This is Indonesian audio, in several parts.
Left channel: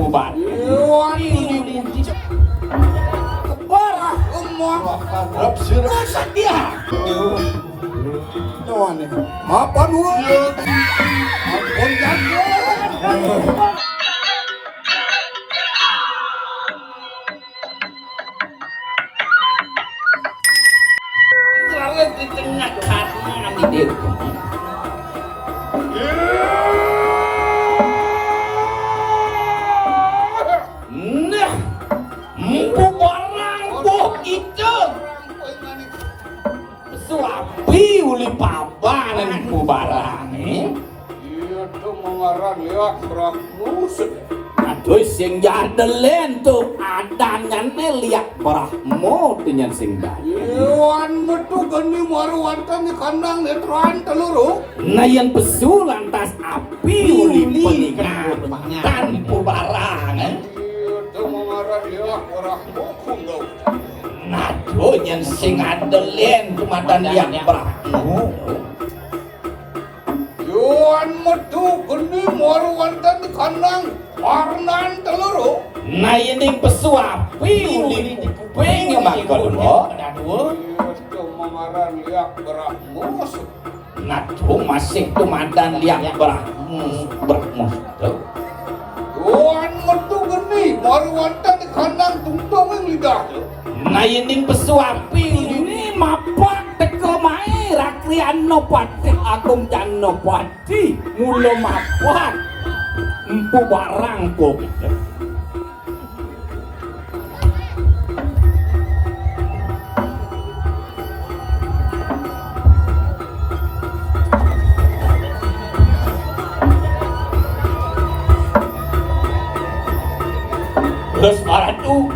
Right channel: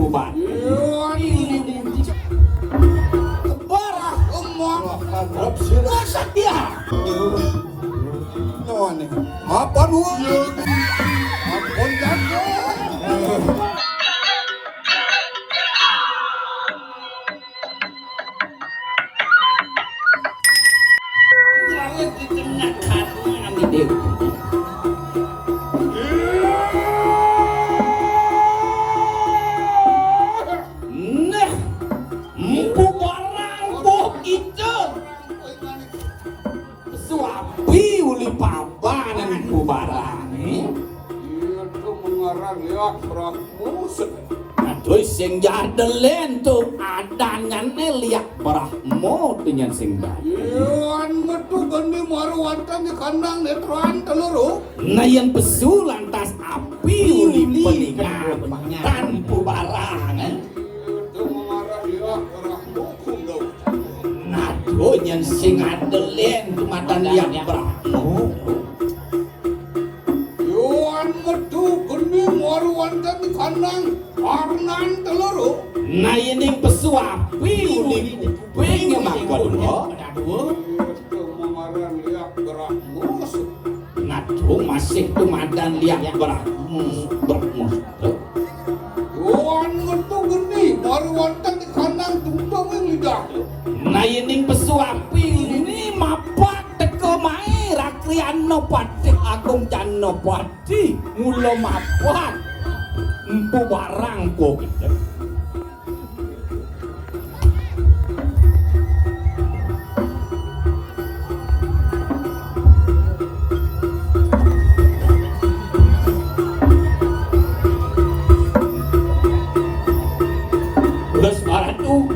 pubar. Kebarah umur sedia. Tuan apa dua? Ampun jago. Jangan di tengah karena di dek. Nah, mpu barang boh itu. Suapi uli pabanan mpu barang. Itu mengarang ya kerak musik. Aduh sing jadelen tuh adangannya liak Brahmo dengan sing daya. Iwan metu geni maru wantan di kandang netruan teluru. Nayan pesu lantas api uli peninggal tanpa barang. Itu mengarang ya kerak musik. Aduh yang sing adelen kumadan liak Brahmo. Iwan metu geni maru wantan di kandang Arnan teluru. Nayan pesu api uli kupingnya makon. Aduh. Itu mengarang ya kerak musik. Aduh masih kumadan liak Brahmo. Iwan metu geni maru wantan di kandang tungtung yang lidah. Nayening pesuapi ini mapat teko mae rakriano patik agung jano pati mula mapat empu barang kok gitu. Terus para tuh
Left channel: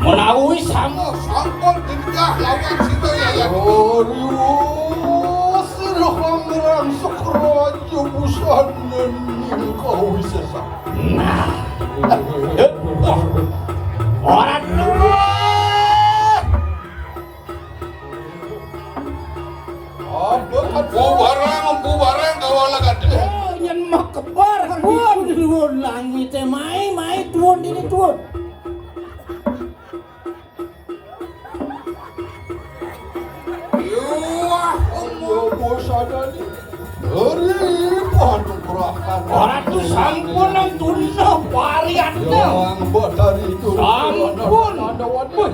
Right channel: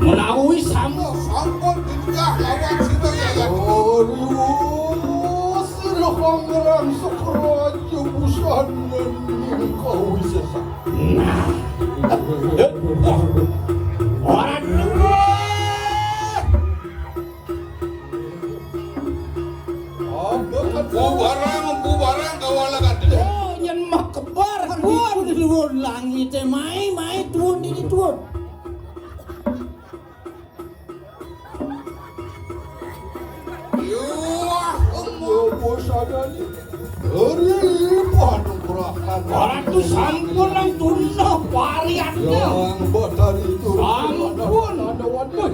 menawi sama Sangkut tingkah lawan sida ya. Aduh, serang sekeraja busanan kau sesa. nah orang dulu Apa kan bubarang kawala kadeh. oh nyen mah kebar kan tuon langit mai tuon ini tuon. Wah, busadani. Eri padu kurakan. Orang tuh sampun nang tunda variannya. Yang batari itu. Sampun ada wadon.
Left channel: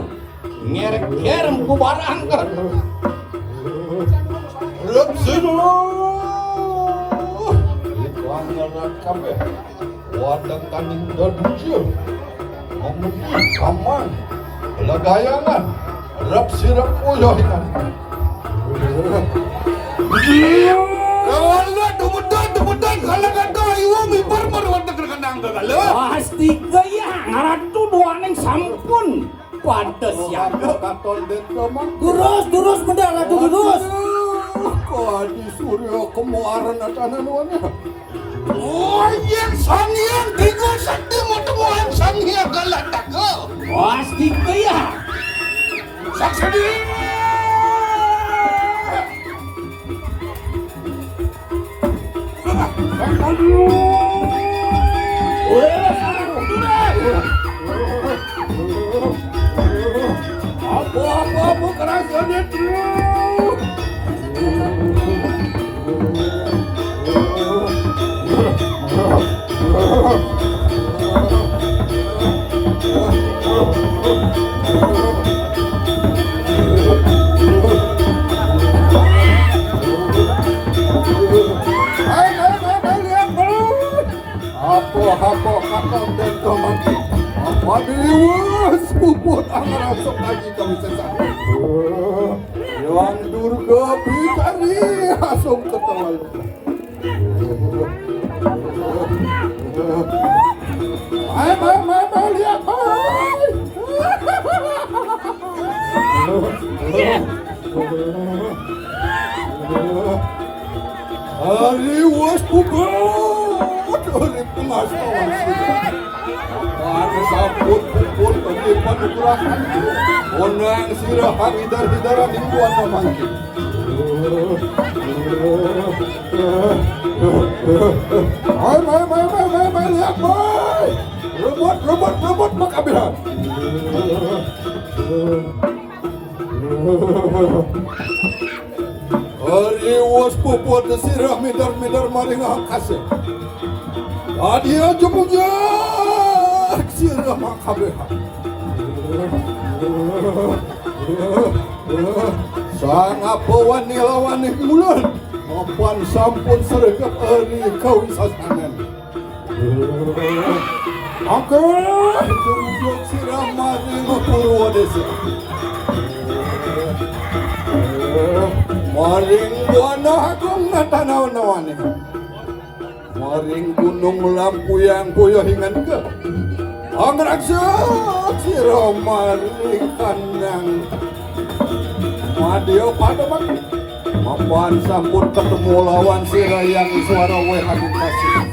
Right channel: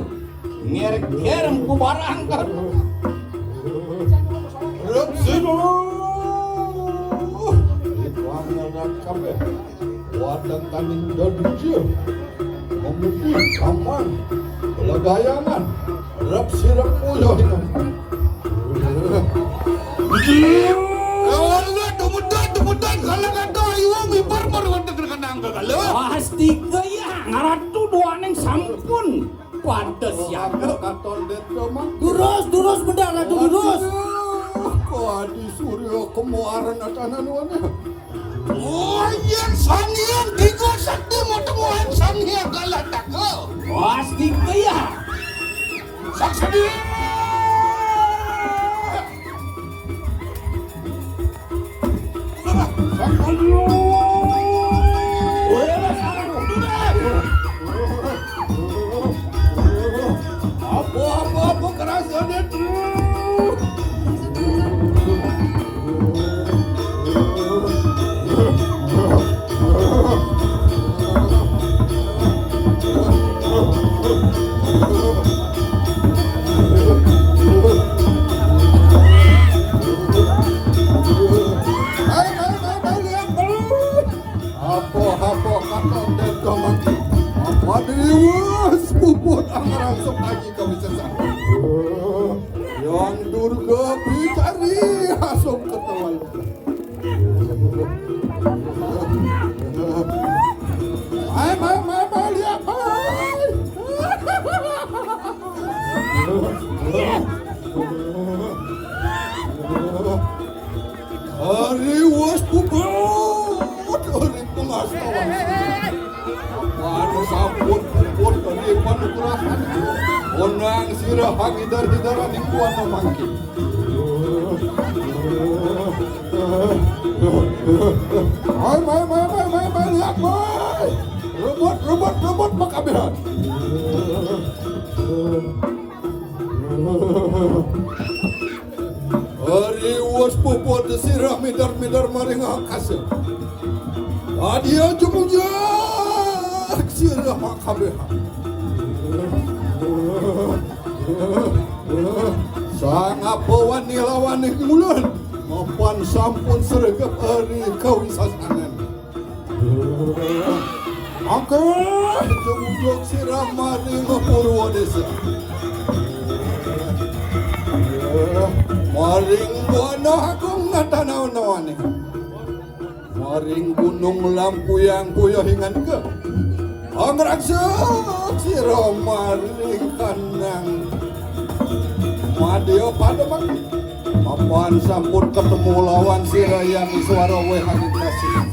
Ngerek-ngerem ku barang kan. Rep sino. Itu hanya kabe. Wadah taning daduja. Memudi kaman. Lagayangan. Rep sirap uyohinan. Tumudan kalau kata iwang ibar wadah terkenang kagalo. Pasti kaya ngaratu doaning sampun. Pantes ya. Katon dito mang. Durus benda lagi durus. Kok adi surya kemuaran atanan wana. Oh, yang sangian tiga sakti mau temuan sangian galatak ke. Pasti kaya. Saksadi. Apa kerasanya tuh? Apa kakak dan kamaki. Apa dewas puput angarang sok lagi kami sesak. Yang Durga Bikari asum ketawal. Mai lihat mai. Hari was puput, hari pengasawan sudah. Apa sabut puput hari panukurahan. Onang sirah hidar-hidaran mingguan memangkin. Mai lihat mai. Rebut makabihan. Ari was puput sirah midar maring akase. Adia jumujak sirah makabihan. Sang apawan nilawani mulan mapan sampun sergap ari kawisasanan. Oke, jumujak sirah maring Purwadesa. Maring buana akong natanaw-nawan. Maring gunung lampuyang kuyahingan ka. Ang raksak sira maring kanang madyo pada mag mapan sampun ketemu lawan sira yang suara wehan pasir.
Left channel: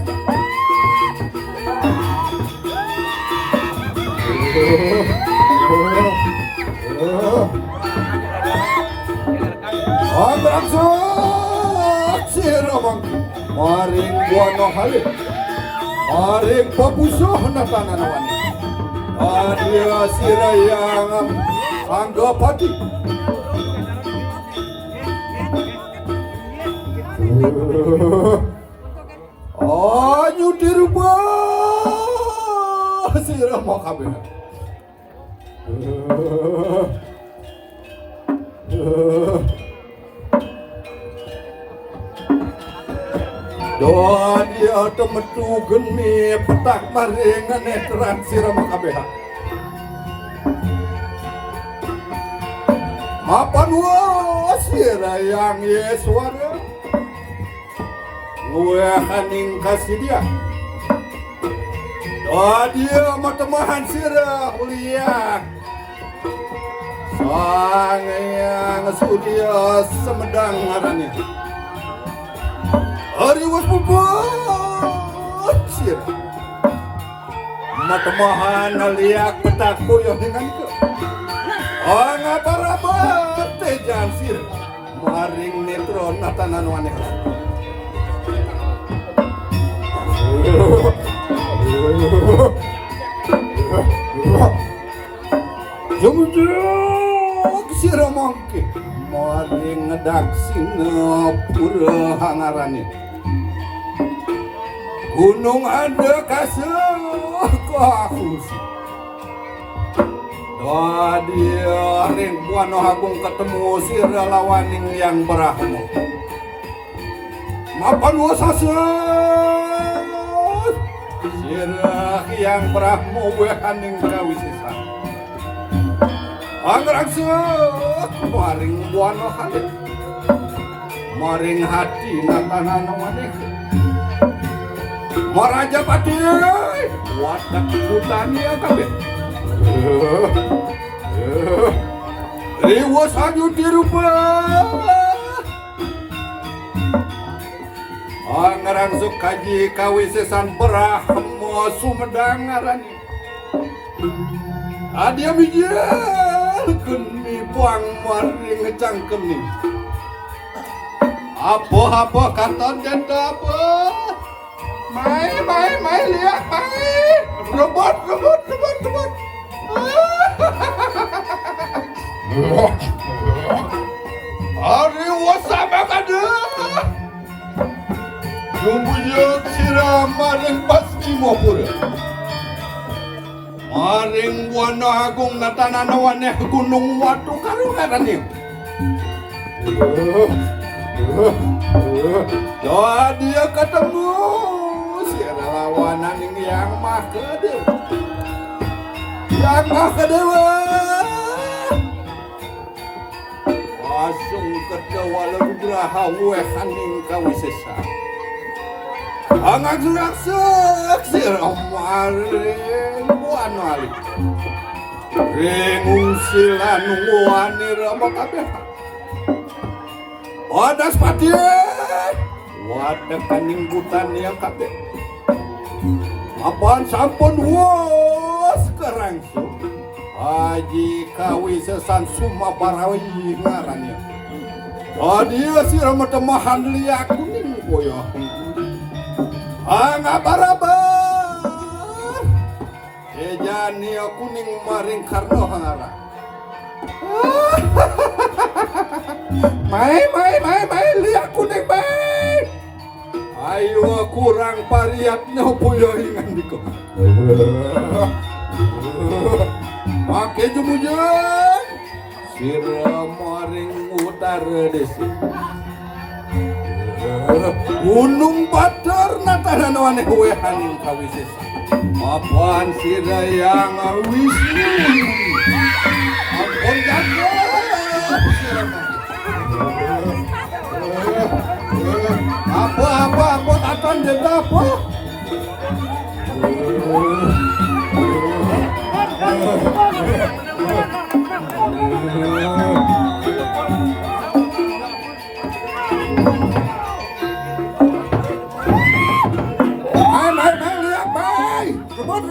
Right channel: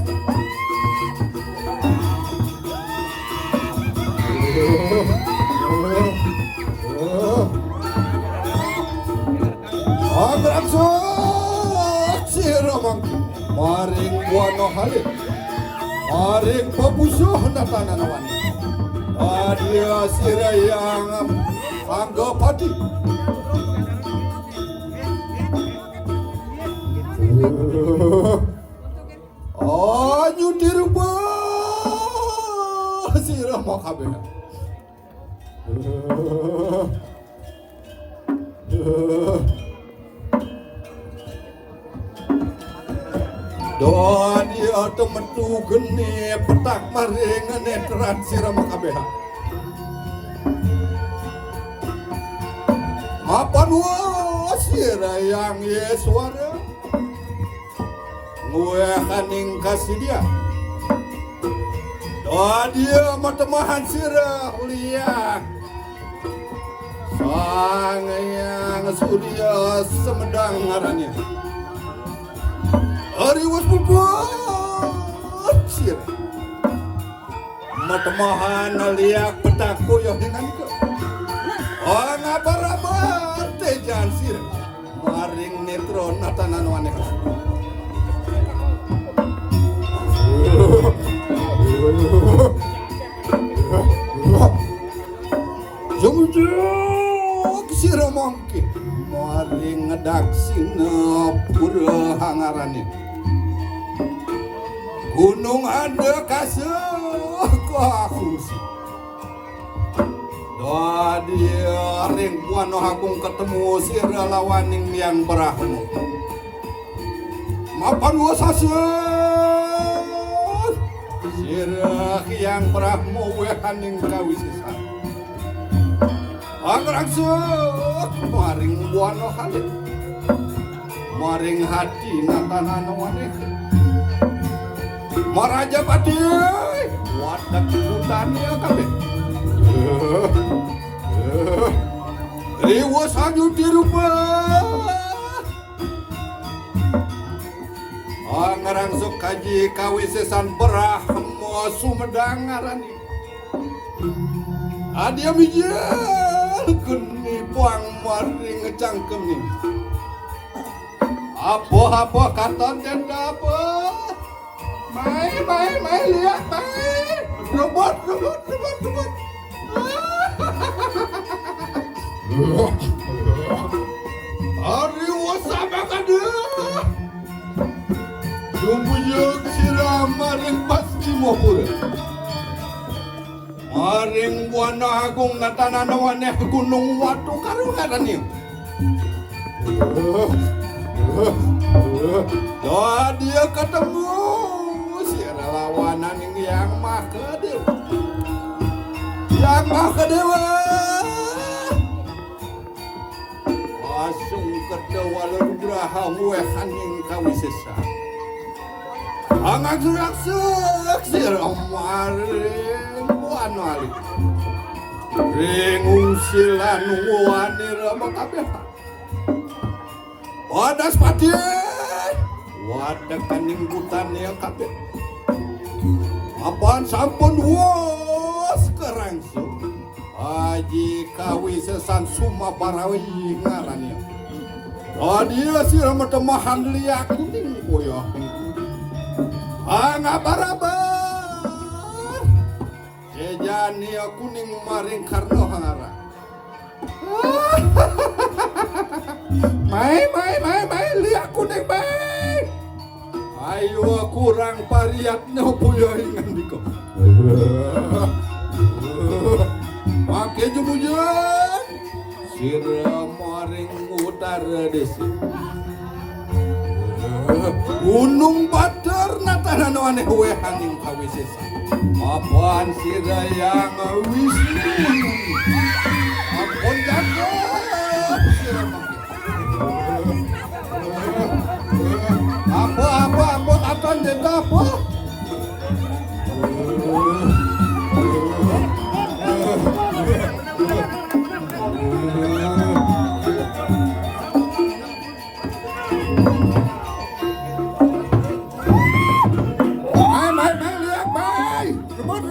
Ang raksak sira maring buana halip. Maring papusoh na tananawan. Adia sirayang anggapati. Anyu dirubah sirah makabeh. Doa dia temetu geni petak maringan ekran sirah makabeha. Mapan wa sirah yang Yesuara ngue kaning kasih dia. Doa dia matemahan sirah liat sang yang sudia semedang ngarannya. Hari was bubut sir matemahan liak petaku yang dengan itu ngapa-ngapa tejan sir maring netron natanan waneh jumjuk sir mangki maring ngedaksina pura hangarane. Gunung ada kasih kahusi. Doa dia ring buano agung ketemu sirah lawaning yang berahmu. Mapan wasasat sirah yang berahmu wehaning kawisisa. Angraksak maring buano halit. Maring hati natanan waneh. Maraja pati wadak hutan ya kabeh. Riwas haju dirubah. Angarangsuk kaji kawisesan Brahma Sumedang ngarani. Adia bijal geni puang maring ngecangkem nih. Apa katon janda apa? Mai lihat mai. Robot. Hari wasaba kada. Jumbujuk sirah maring pasti mopur. Maring buana agung natananawaneh gunung watu karo karani. Doa dia ketemu sirah lawanan ini yang mah kedewa. Yang mah kedewa. Langsung kedewa lerugraha wehaning kawisesa. Angak-angak sirah maring buana alik. Rengung silan wani rama kabeh. Wadas pati wadah kaninggutan ya kabeh. Apaan sampun was kerangsu Haji kawisesan Sumabarawi ngarannya. Tadi sirah matemahan liak kuning boyah. Ngaparabar Sejani kuning maring karno hangara. Mai lihat kuning mai. Ayo kurang pariatnya puyo ingan diko. Pakai jumujan. Sira maring utara desi. Gunung Batur natanan aneh wehaning kawisesa. Apaan sira yang wisnu? Apaan jago? Sira apa aton jeda apa? Lihat bay, rebut.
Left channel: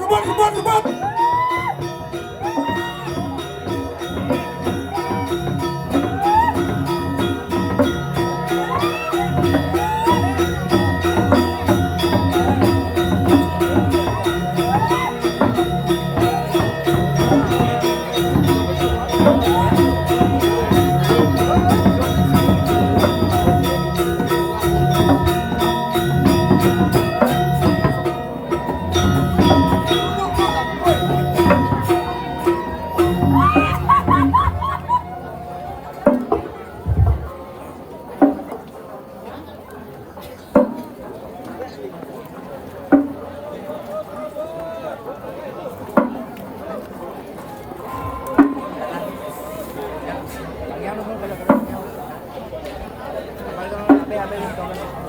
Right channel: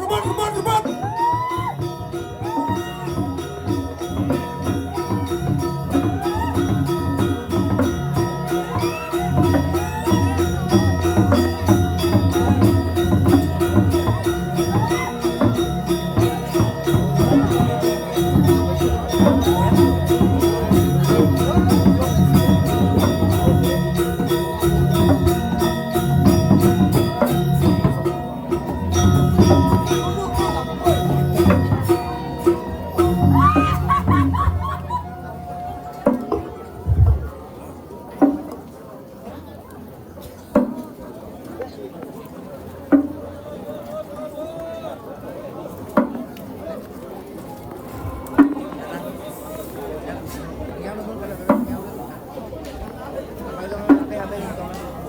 Kalau